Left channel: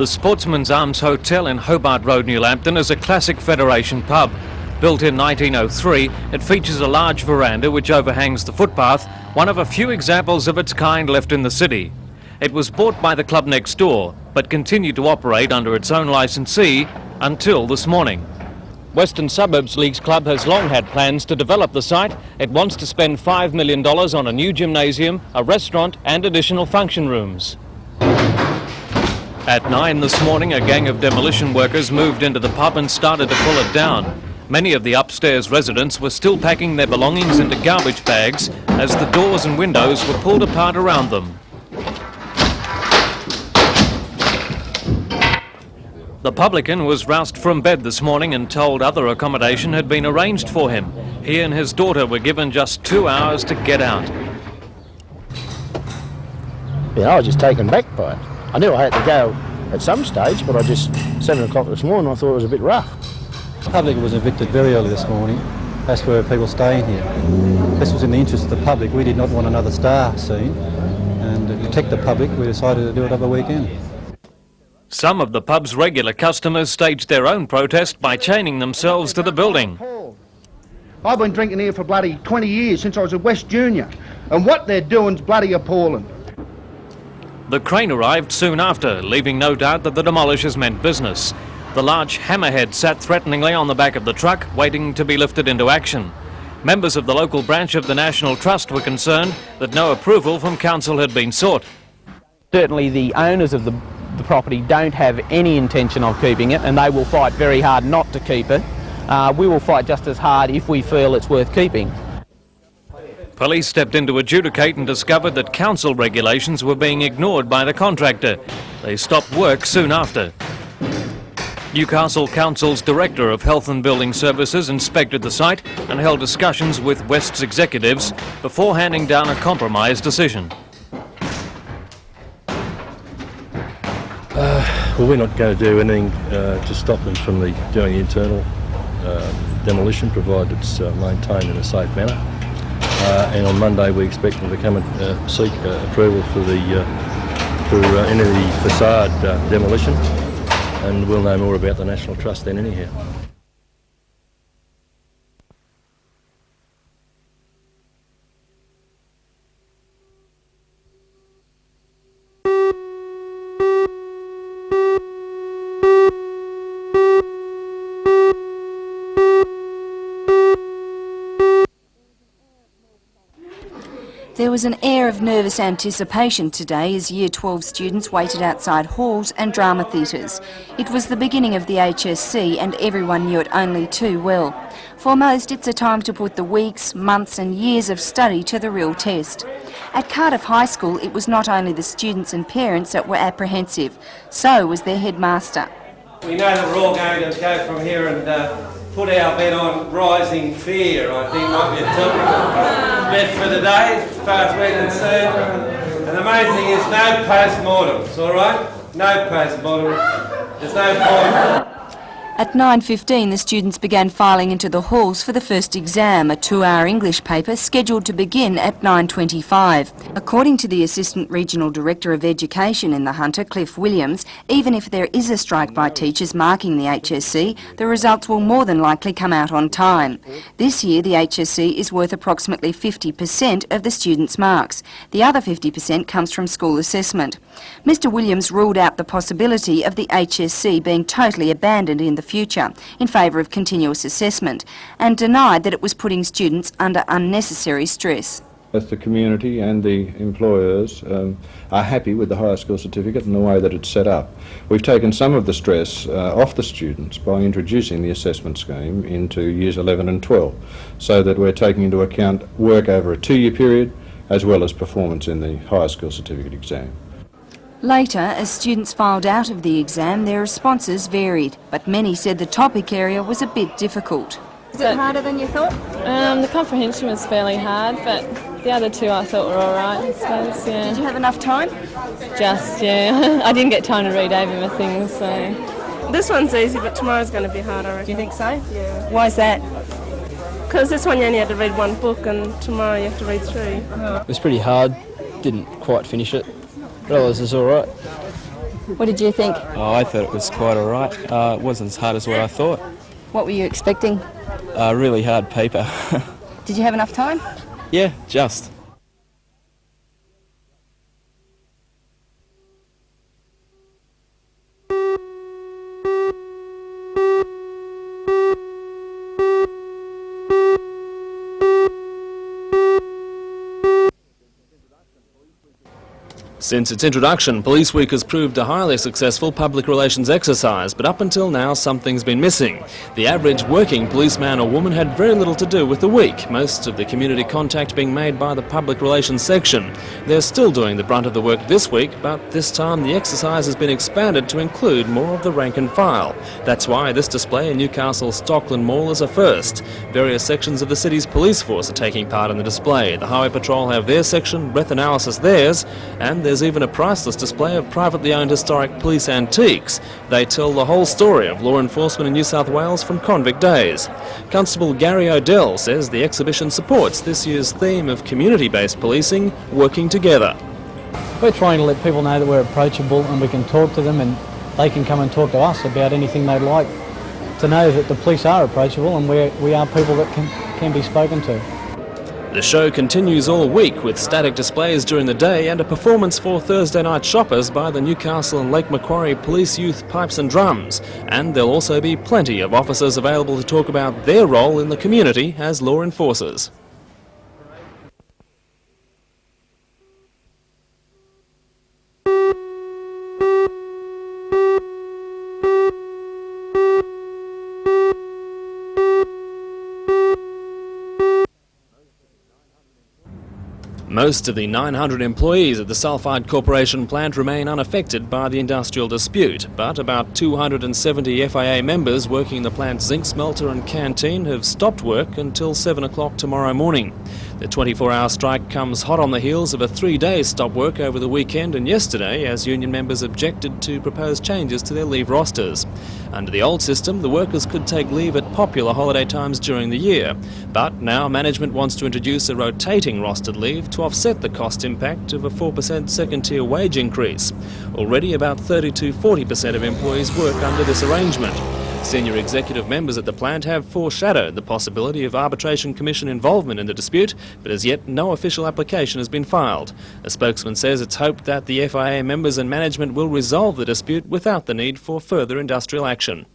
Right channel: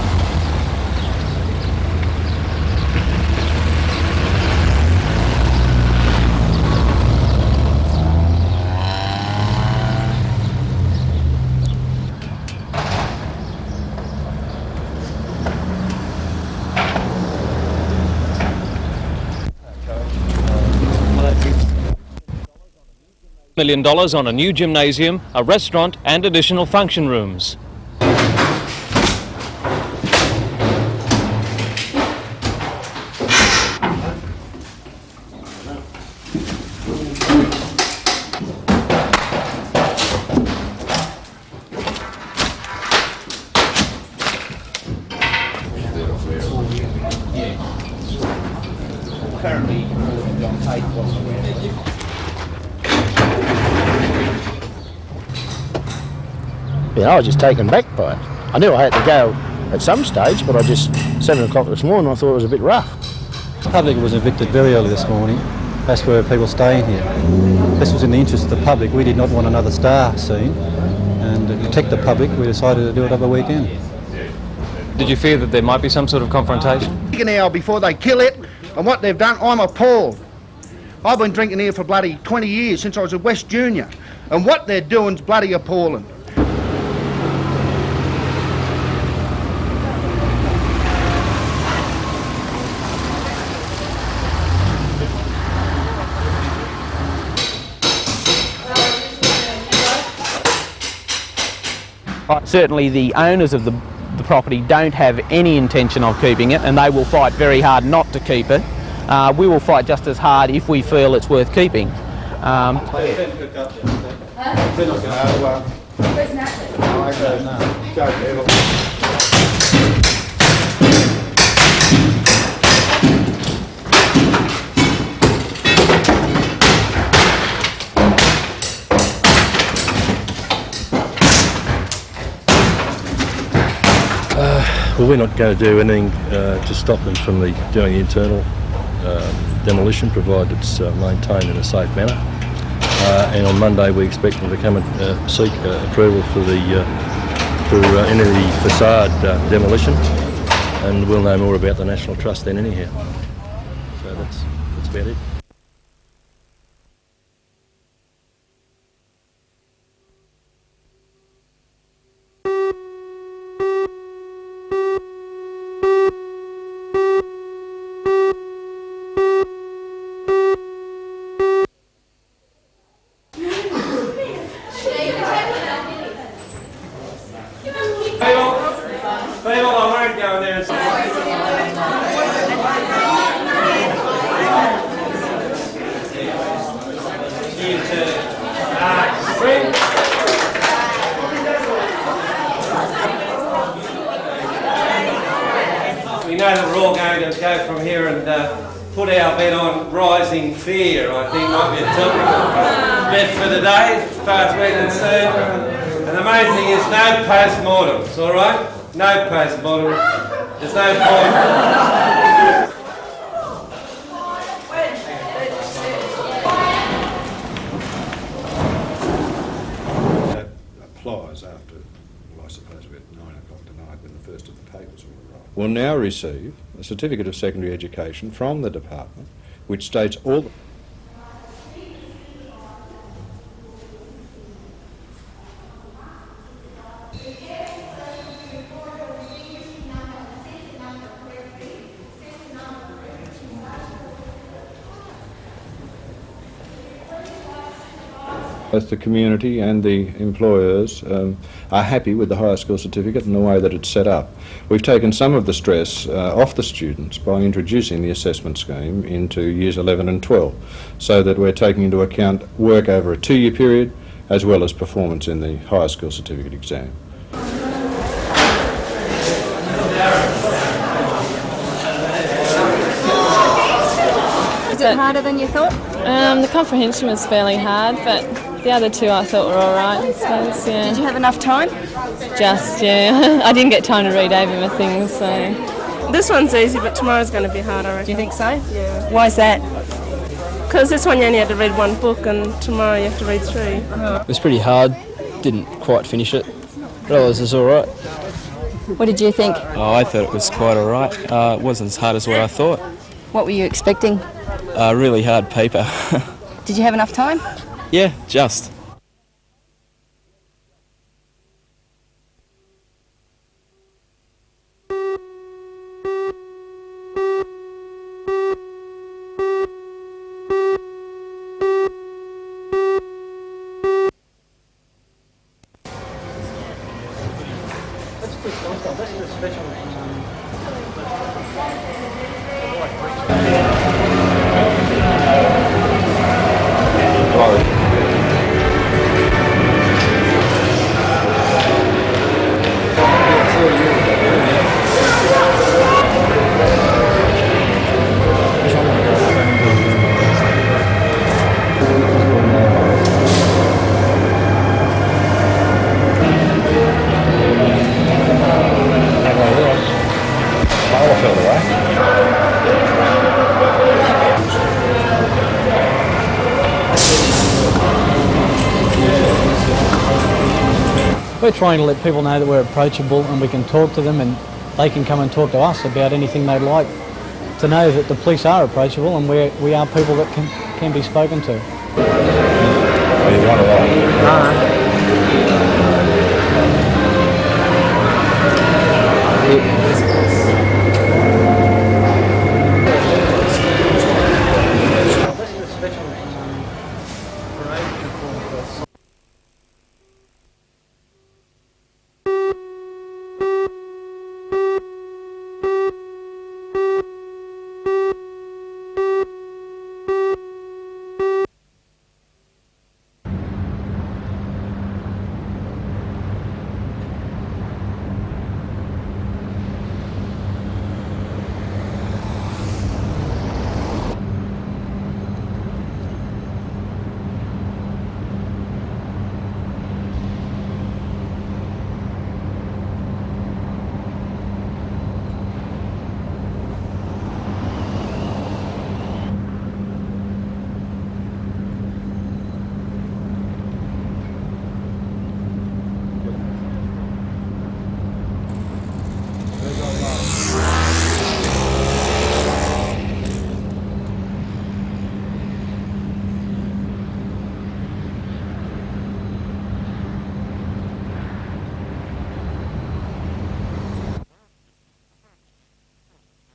The Sportsman's Arms Hotel in Hobart Road, New Lambton is a classic Federation pub. Built in 1903, it features a large veranda which overhangs the footpath, one of a few examples of its kind left in the city. It was bought by the club next door, but continued to operate under its own licensee until this morning. Western Suburbs Leagues Club has long had plans to develop the site. It wants to spend $5 million on a new gymnasium, a restaurant and additional function rooms. At 9 this morning, a gang of demolition workers moved into the pub and started to pull it down. Many of the upstairs residents were still packing their belongings into garbage bags as the doors and windows were pulled apart around them. The publican was roused from bed this morning and told other accommodation had been arranged for him. He and his daughter were given just 2 hours to get out. Yeah, I was just taken back by it. I knew I had to go at some stage, but 7 o'clock this morning, I thought it was a bit rough. The public was evicted very early this morning. That's where people stay in here. This was in the interest of the public. We did not want another star scene, and to protect the public, we decided to do it over the weekend. Some of the pub's regular customers staged their own protest by chaining themselves to the building. I'm appalled. I've been drinking here for bloody 20 years, since I was a West Junior, and what they're doing's bloody appalling. The crane arrived soon after, leaving no doubt that the demolishers meant business. The large hammerhead sat threateningly on the back of the truck, waiting to be lifted into action. Members of the local branch of the National Trust were concerned that no approval from council had been sought. Certainly the owners of the property don't have any intention of keeping it, and they will fight very hard not to keep it. We will fight just as hard if we feel it's worth keeping. Police stepped in to adjudicate and discovered that council regulations were being ignored by the contractor. They stopped work soon after. Newcastle Council's Director of Health and Building Services inspected the site and held discussions with West's executives before handing down a compromise decision. Well, we're not going to do anything to stop them from doing the internal demolition, provided it's maintained in a safe manner. And on Monday we expect them to come and seek approval for any of the facade demolition, and we'll know more about the National Trust then anyhow. So that's about it. There was an air of nervous anticipation today as Year 12 students waited outside halls and drama theatres. It was the beginning of the HSC and everyone knew it only too well. For most, it's a time to put the weeks, months and years of study to the real test. At Cardiff High School, it was not only the students and parents that were apprehensive, so was their headmaster. We know that we're all going to go from here and put our bet on rising fear, I think might be a topic bet for the day, as far as we're concerned. And the main thing is no post-mortems, all right? No post-mortems. There's no point. At 9:15, the students began filing into the halls for the first exam, a 2-hour English paper scheduled to begin at 9:25. According to the Assistant Regional Director of Education in the Hunter, Cliff Williams, even if there is a strike by teachers marking the HSC, the results will more than likely come out on time. This year, the HSC is worth approximately 50% of the students' marks. The other 50% comes from school assessment. Mr. Williams ruled out the possibility of the HSC being totally abandoned in the future in favour of continuous assessment, and denied that it was putting students under unnecessary stress. Both the community and the employers are happy with the higher school certificate and the way that it's set up. We've taken some of the stress off the students by introducing the assessment scheme into years 11 and 12, so that we're taking into account work over a 2-year period as well as performance in the higher school certificate exam. Later, as students filed out of the exam, their responses varied, but many said the topic area was a bit difficult. Is it harder than you thought? The comprehension was fairly hard, but the other two I thought were all right, I suppose, yeah. Did you have enough time? Just, yeah. I didn't get time to read over my things, so... This one's easy, but tomorrow's going to be hard, I reckon. Do you think so? Yeah. Why is that? Because this one you only had to read one book, and tomorrow you have to read 3. It was pretty hard, didn't quite finish it. But otherwise, it's all right. What did you think? Oh, I thought it was quite all right. It wasn't as hard as what I thought. What were you expecting? Really hard paper. Did you have enough time? Yeah, just. Since its introduction, Police Week has proved a highly successful public relations exercise, but up until now something's been missing. The average working policeman or woman had very little to do with the week, most of the community contact being made by the public relations section. They're still doing the brunt of the work this week, but this time the exercise has been expanded to include the rank and file. That's why this display of Newcastle's top is a first. Various sections of the city's police force are taking part in the display. The Highway Patrol have their section, Rep Analysis theirs, and there's even a priceless display of privately owned historic police antiques. They tell the whole story of law enforcement in New South Wales from convict days. Constable Gary O'Dell says the exhibition supports this theme of community-based policing working together. We're trying to let people know that we're approachable and we can talk to them, and they can come and talk to us about anything they'd like, to know that the police are approachable and we are people that can be spoken to. The show continues on a week with static displays during the day and a performance for Thursday night shoppers by the Newcastle Local Authority Police with pipes and drums. And there'll also be plenty of officers available to talk about their role in the community as law enforcers. Most of the 900 employees at the Sulphide Corporation plant remain unaffected by the industrial dispute, but about 270 FIA members working in the plant's zinc smelter and canteen have stopped work until 7 o'clock tomorrow morning. The 24-hour strike comes hot on the heels of a 3-day stop work over the weekend and yesterday as union members objected to proposed changes to their leave rosters. Under the old system, the workers could take leave at popular holiday times during the year, but now management wants to introduce a rotating rostered leave to offset the cost impact of a 4% second-tier wage increase. Already about 30 to 40% of employees work under this arrangement. Senior executive members at the plant have foreshadowed the possibility of Arbitration Commission involvement in the dispute, but as yet no official application has been filed. A spokesman says it's hoped that the FIA members and management will resolve the dispute without the need for further industrial action.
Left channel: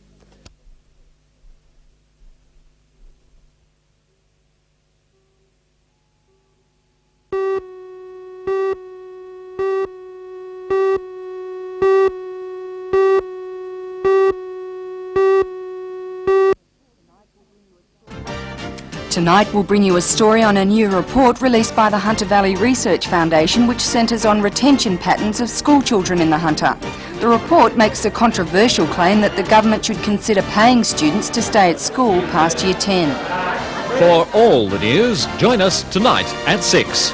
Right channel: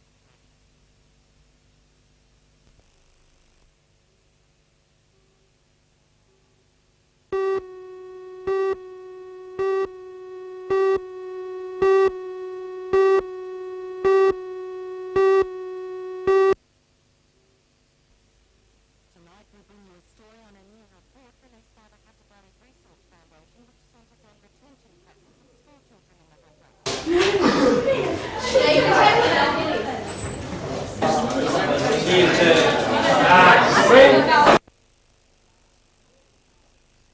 Tonight we'll bring you a story on a new report released by the Hunter Valley Research Foundation which centres on retention patterns of school children in the Hunter. The report makes a controversial claim that the government should consider paying students to stay at school past year 10. For all the news, join us tonight at 6.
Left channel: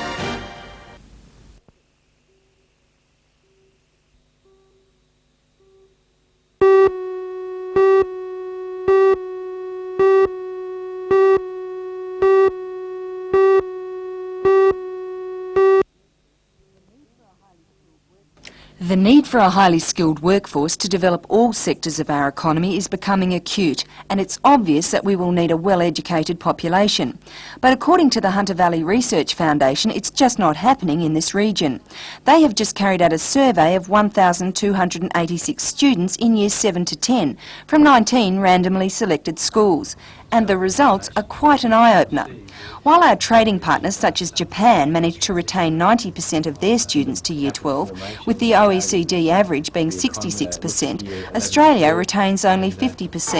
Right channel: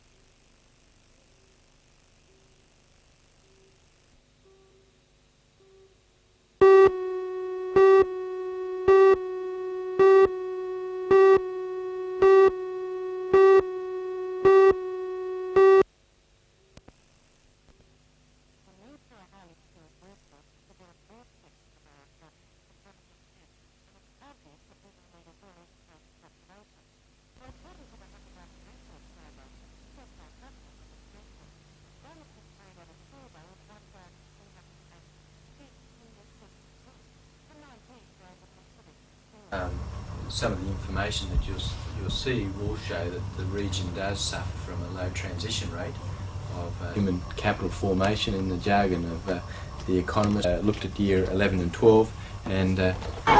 The need for a highly skilled workforce to develop all sectors of our economy is becoming acute, and it's obvious that we will need a well-educated population. But according to the Hunter Valley Research Foundation, it's just not happening in this region. They have just carried out a survey of 1,286 students in years 7 to 10 from 19 randomly selected schools. And the results are quite an eye-opener. While our trading partners such as Japan managed to retain 90% of their students to Year 12, with the OECD average being 66%, Australia retains only 50%.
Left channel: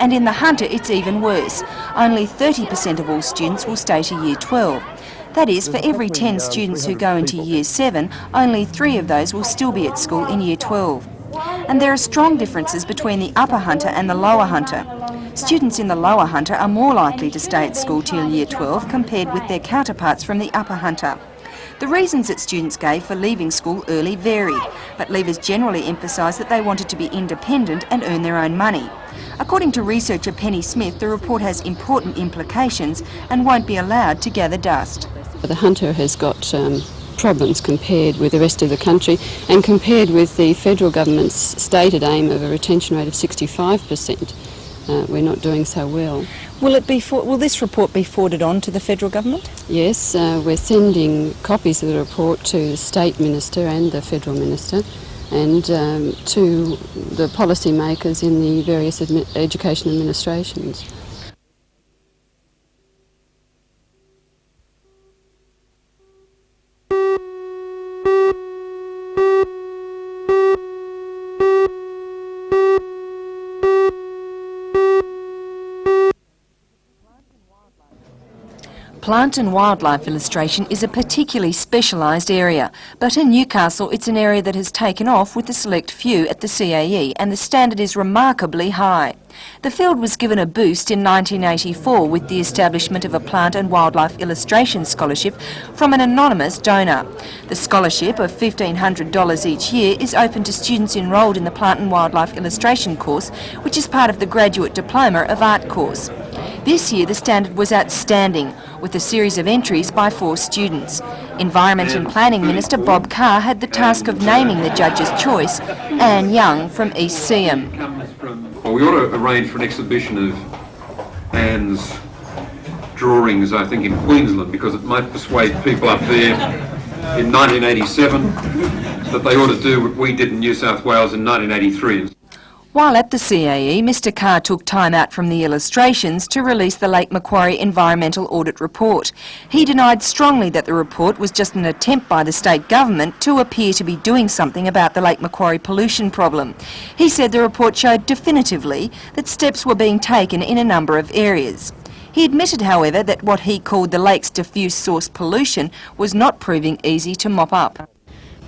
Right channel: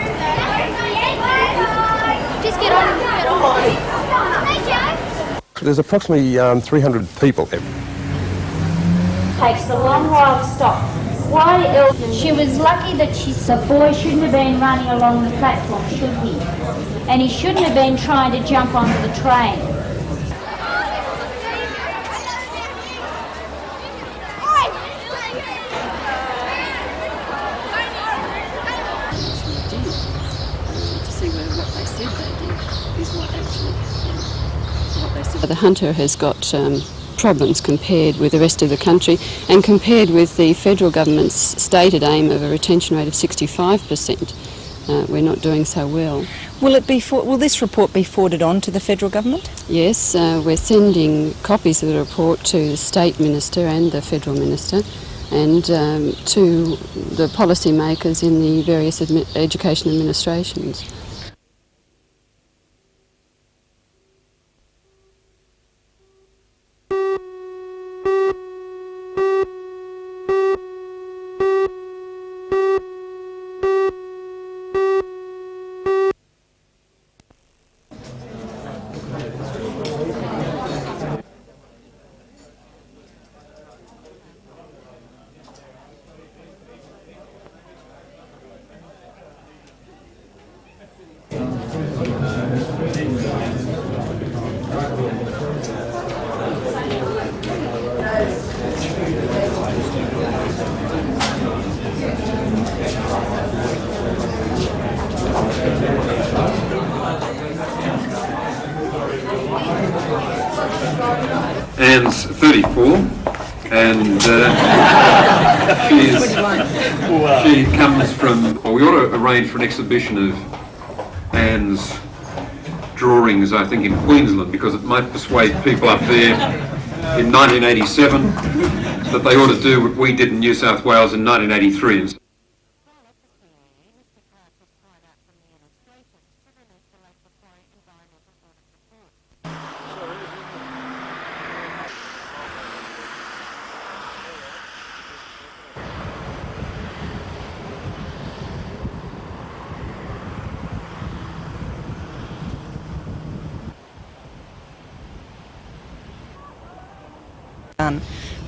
And in the Hunter it's even worse. Only 30% of all students will stay to Year 12. That is, for every 10 students who go into Year 7, only 3 of those will still be at school in Year 12. And there are strong differences between the Upper Hunter and the Lower Hunter. Students in the Lower Hunter are more likely to stay at school till Year 12 compared with their counterparts from the Upper Hunter. The reasons that students gave for leaving school early vary, but leavers generally emphasise that they wanted to be independent and earn their own money. According to researcher Penny Smith, the report has important implications and won't be allowed to gather dust. The Hunter has got problems compared with the rest of the country and compared with the federal government's stated aim of a retention rate of 65%. We're not doing so well. Will this report be forwarded on to the federal government? Yes, we're sending copies of the report to the State Minister and the Federal Minister and to the policymakers in the various education administrations. Plant and wildlife illustration is a particularly specialised area, but in Newcastle it's an area that has taken off with a select few at the CAE, and the standard is remarkably high. The field was given a boost in 1984 with the establishment of a plant and wildlife illustration scholarship from an anonymous donor. The scholarship of $1,500 each year is open to students enrolled in the plant and wildlife illustration course, which is part of the Graduate Diploma of Art course. This year the standard was outstanding, with a series of entries by 4 students. Environmental Planning Minister Bob Carr had the task of naming the judges' choice, Anne Young from East Sea. Comes from, well, we ought to arrange for an exhibition of Anne's drawings, I think, in Queensland, because it might persuade people up there in 1987 that they ought to do what we did in New South Wales in 1983. While at the CAE, Mr Carr took time out from the illustrations to release the Lake Macquarie Environmental Audit Report. He denied strongly that the report was just an attempt by the state government to appear to be doing something about the Lake Macquarie pollution problem. He said the report showed definitively that steps were being taken in a number of areas. He admitted, however, that what he called the lake's diffuse source pollution was not proving easy to mop up.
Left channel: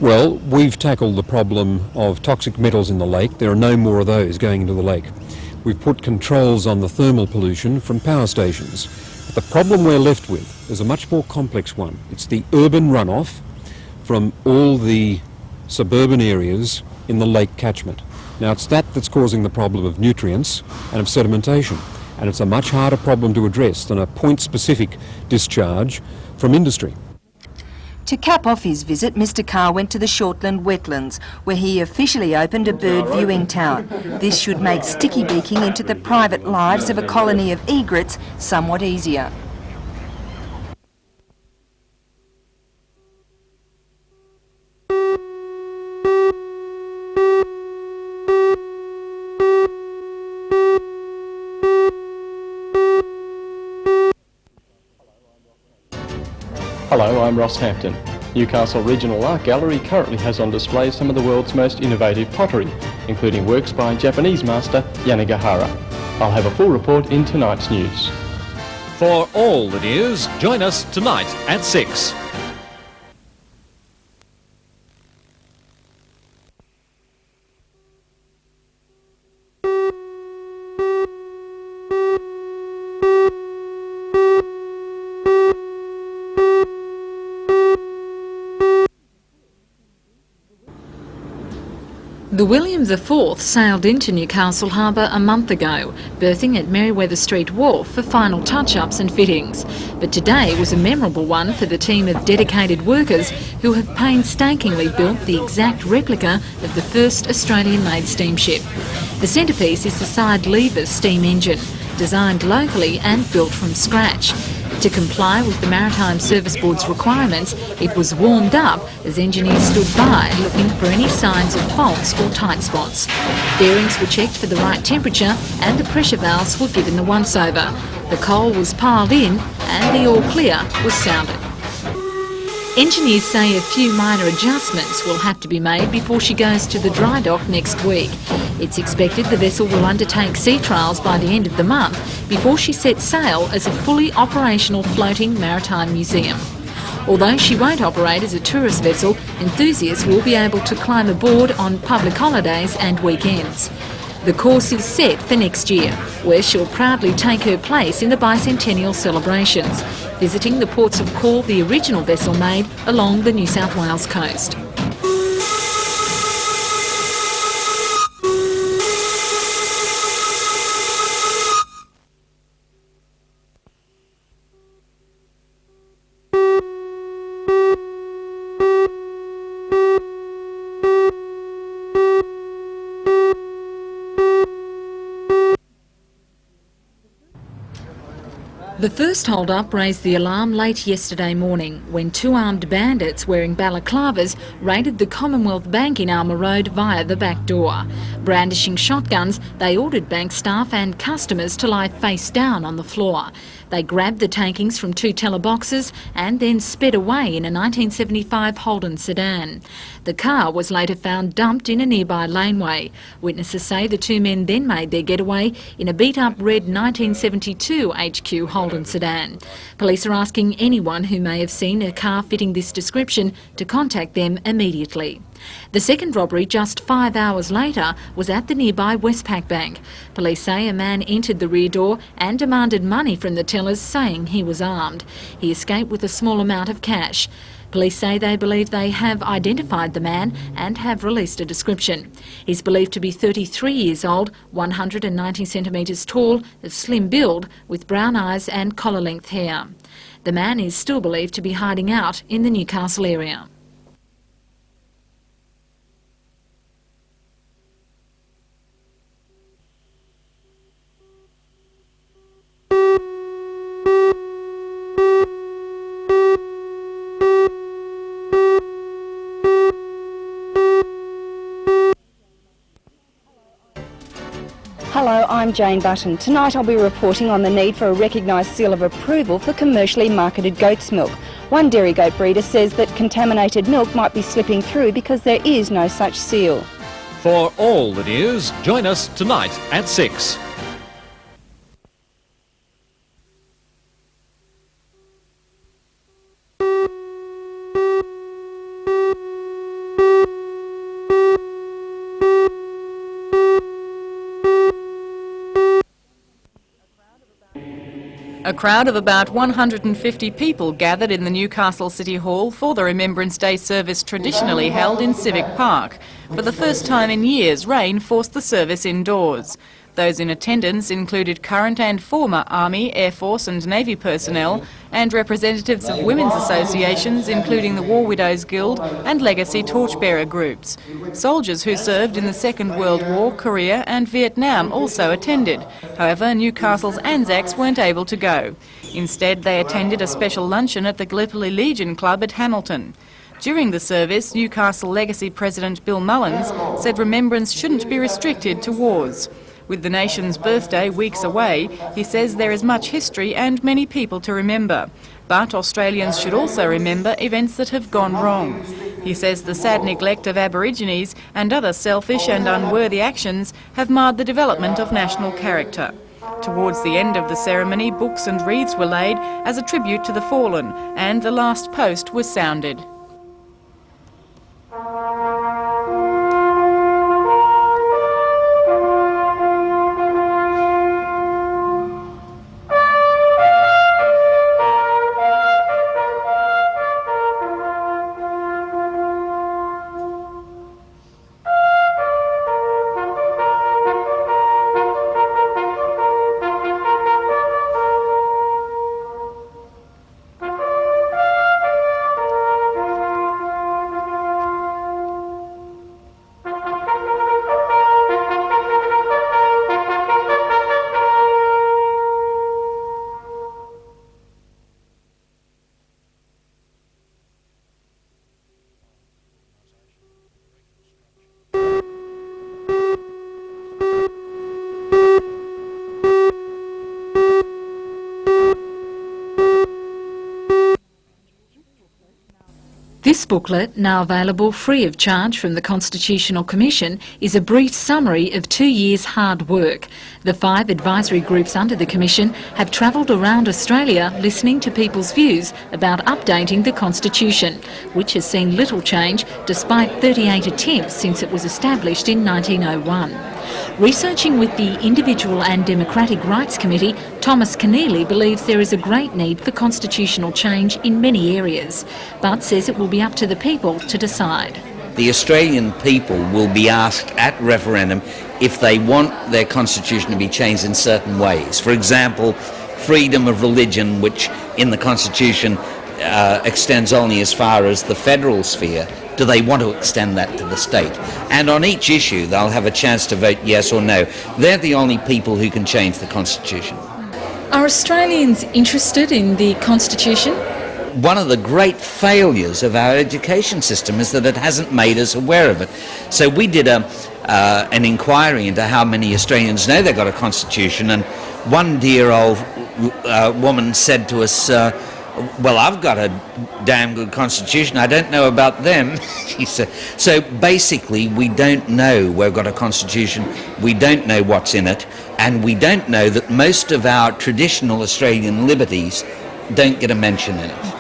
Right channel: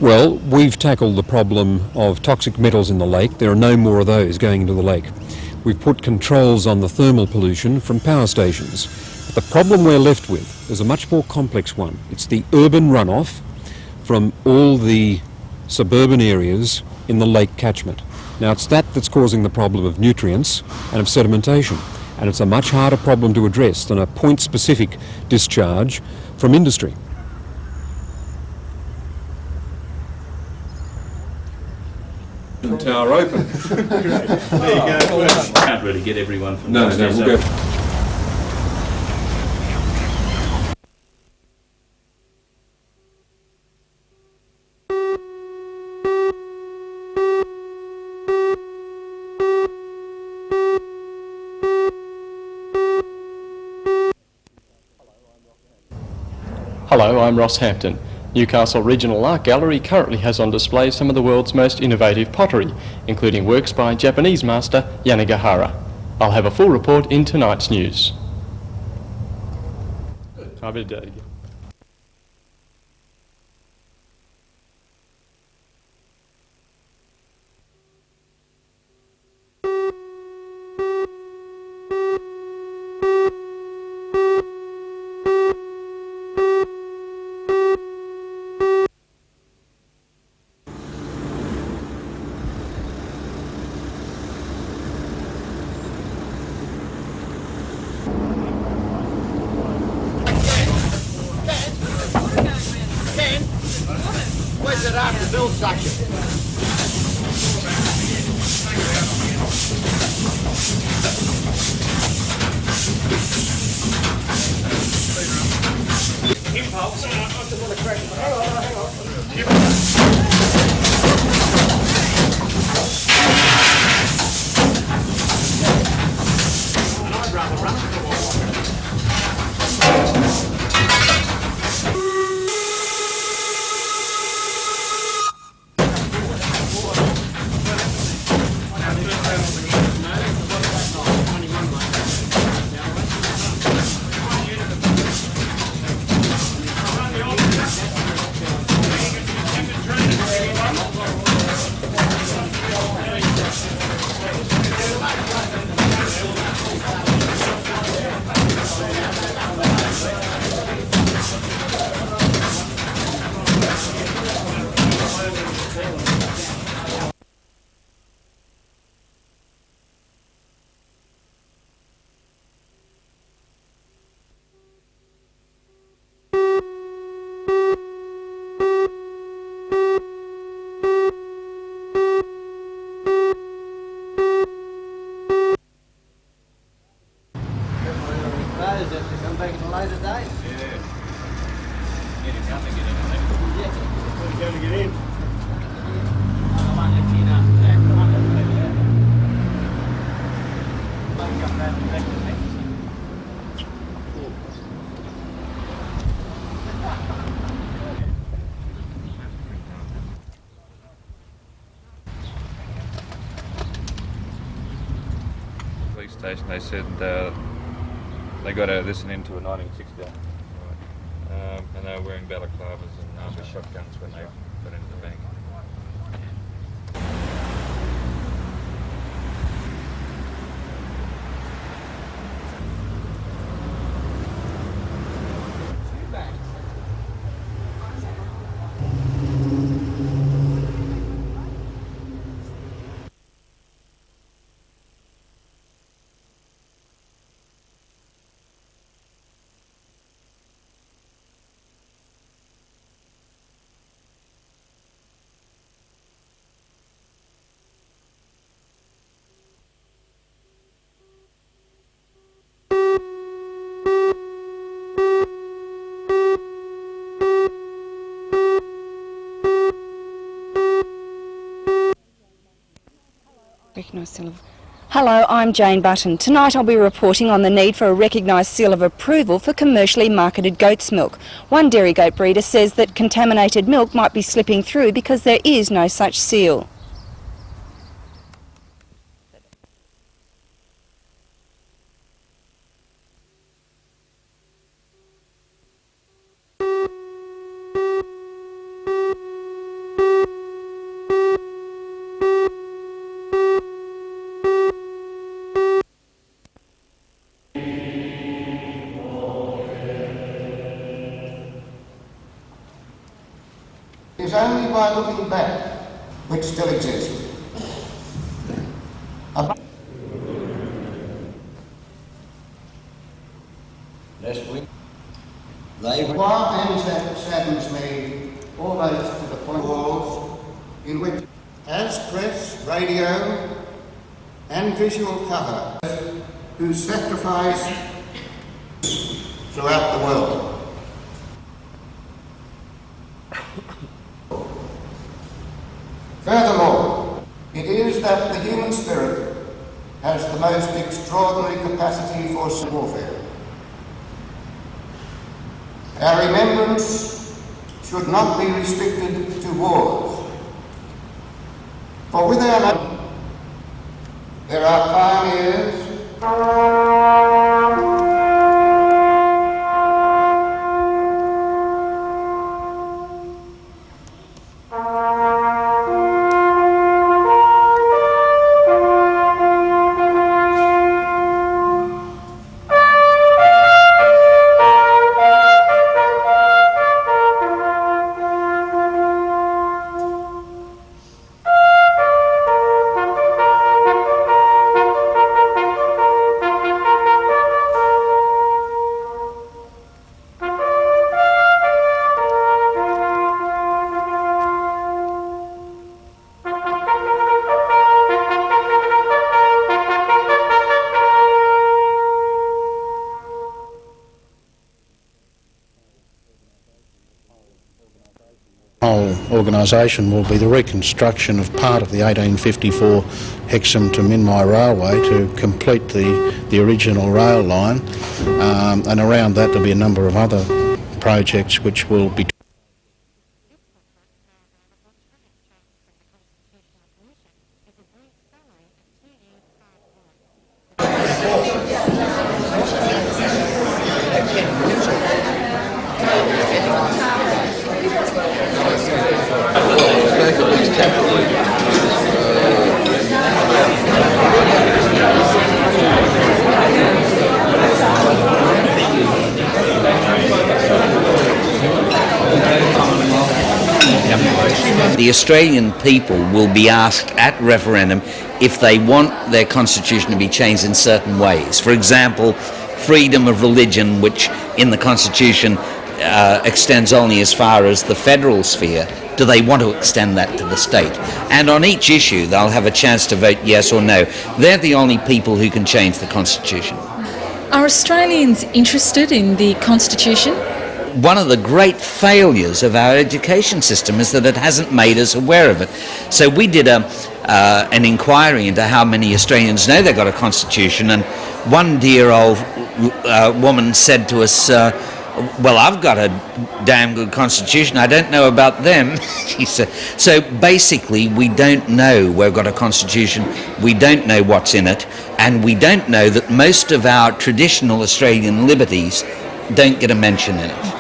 Well, we've tackled the problem of toxic metals in the lake. There are no more of those going into the lake. We've put controls on the thermal pollution from power stations. But the problem we're left with is a much more complex one. It's the urban runoff from all the suburban areas in the lake catchment. Now, it's that that's causing the problem of nutrients and of sedimentation. And it's a much harder problem to address than a point-specific discharge from industry. To cap off his visit, Mr Carr went to the Shortland wetlands, where he officially opened a bird viewing tower. This should make sticky digging into the private lives of a colony of egrets somewhat easier. Hello, I'm Ross Hampton. Newcastle Regional Art Gallery currently has on display some of the world's most innovative pottery, including works by Japanese master Yanagihara. I'll have a full report in tonight's news. For all the news, join us tonight at 6. The William IV sailed into Newcastle Harbour a month ago, berthing at Merriweather Street Wharf for final touch-ups and fittings. But today was a memorable one for the team of dedicated workers who have painstakingly built the exact replica of the first Australian-made steamship. The centrepiece is the side lever steam engine, designed locally and built from scratch. To comply with the Maritime Service Board's requirements, it was warmed up as engineers stood by looking for any signs of faults or tight spots. Bearings were checked for the right temperature and the pressure valves were given the once-over. The coal was piled in and the all clear was sounded. Engineers say a few minor adjustments will have to be made before she goes to the dry dock next week. It's expected the vessel will undertake sea trials by the end of the month before she sets sail as a fully operational floating maritime museum. Although she won't operate as a tourist vessel, enthusiasts will be able to climb aboard on public holidays and weekends. The course is set for next year, where she'll proudly take her place in the bicentennial celebrations, visiting the ports of call the original vessel made along the New South Wales coast. The first hold-up raised the alarm late yesterday morning when two armed bandits wearing balaclavas raided the Commonwealth Bank in Alma Road via the back door. Brandishing shotguns, they ordered bank staff and customers to lie face down on the floor. They grabbed the takings from two teller boxes and then sped away in a 1975 Holden sedan. The car was later found dumped in a nearby laneway. Witnesses say the two men then made their getaway in a beat-up red 1972 HQ Holden sedan. Police are asking anyone who may have seen a car fitting this description to contact them immediately. The second robbery, just 5 hours later, was at the nearby Westpac Bank. Police say a man entered the rear door and demanded money from the tellers, saying he was armed. He escaped with a small amount of cash. Police say they believe they have identified the man and have released a description. He's believed to be 33 years old, 190 centimetres tall, of slim build, with brown eyes and collar-length hair. The man is still believed to be hiding out in the Newcastle area. Hello, I'm Jane Button. Tonight I'll be reporting on the need for a recognised seal of approval for commercially marketed goat's milk. One dairy goat breeder says that contaminated milk might be slipping through because there is no such seal. For all the news, join us tonight at 6. A crowd of about 150 people gathered in the Newcastle City Hall for the Remembrance Day service traditionally held in Civic Park. For the first time in years, rain forced the service indoors. Those in attendance included current and former Army, Air Force and Navy personnel and representatives of women's associations including the War Widows Guild and legacy torchbearer groups. Soldiers who served in the Second World War, Korea and Vietnam also attended. However, Newcastle's Anzacs weren't able to go. Instead, they attended a special luncheon at the Gallipoli Legion Club at Hamilton. During the service, Newcastle Legacy President Bill Mullins said remembrance shouldn't be restricted to wars. With the nation's birthday weeks away, he says there is much history and many people to remember. But Australians should also remember events that have gone wrong. He says the sad neglect of Aborigines and other selfish and unworthy actions have marred the development of national character. Towards the end of the ceremony, books and wreaths were laid as a tribute to the fallen, and the last post was sounded. whole organisation will be the reconstruction of part of the 1854 Hexham to Minmai Railway to complete the original rail line, and around that there'll be a number of other projects which will be. This booklet, now available free of charge from the Constitutional Commission, is a brief summary of 2 years' hard work. The 5 advisory groups under the Commission have travelled around Australia listening to people's views about updating the Constitution, which has seen little change despite 38 attempts since it was established in 1901. Researching with the Individual and Democratic Rights Committee, Thomas Keneally believes there is a great need for constitutional change in many areas, but says it will be up to the people to decide. The Australian people will be asked at referendum if they want their constitution to be changed in certain ways. For example, freedom of religion, which in the constitution extends only as far as the federal sphere. Do they want to extend that to the state? And on each issue they'll have a chance to vote yes or no. They're the only people who can change the constitution. Are Australians interested in the Constitution? One of the great failures of our education system is that it hasn't made us aware of it. So we did an inquiry into how many Australians know they've got a constitution, and one dear old woman said to us, well, I've got a damn good constitution, I don't know about them, she said. So basically we don't know we've got a constitution, we don't know what's in it, and we don't know that most of our traditional Australian liberties don't get a mention in it.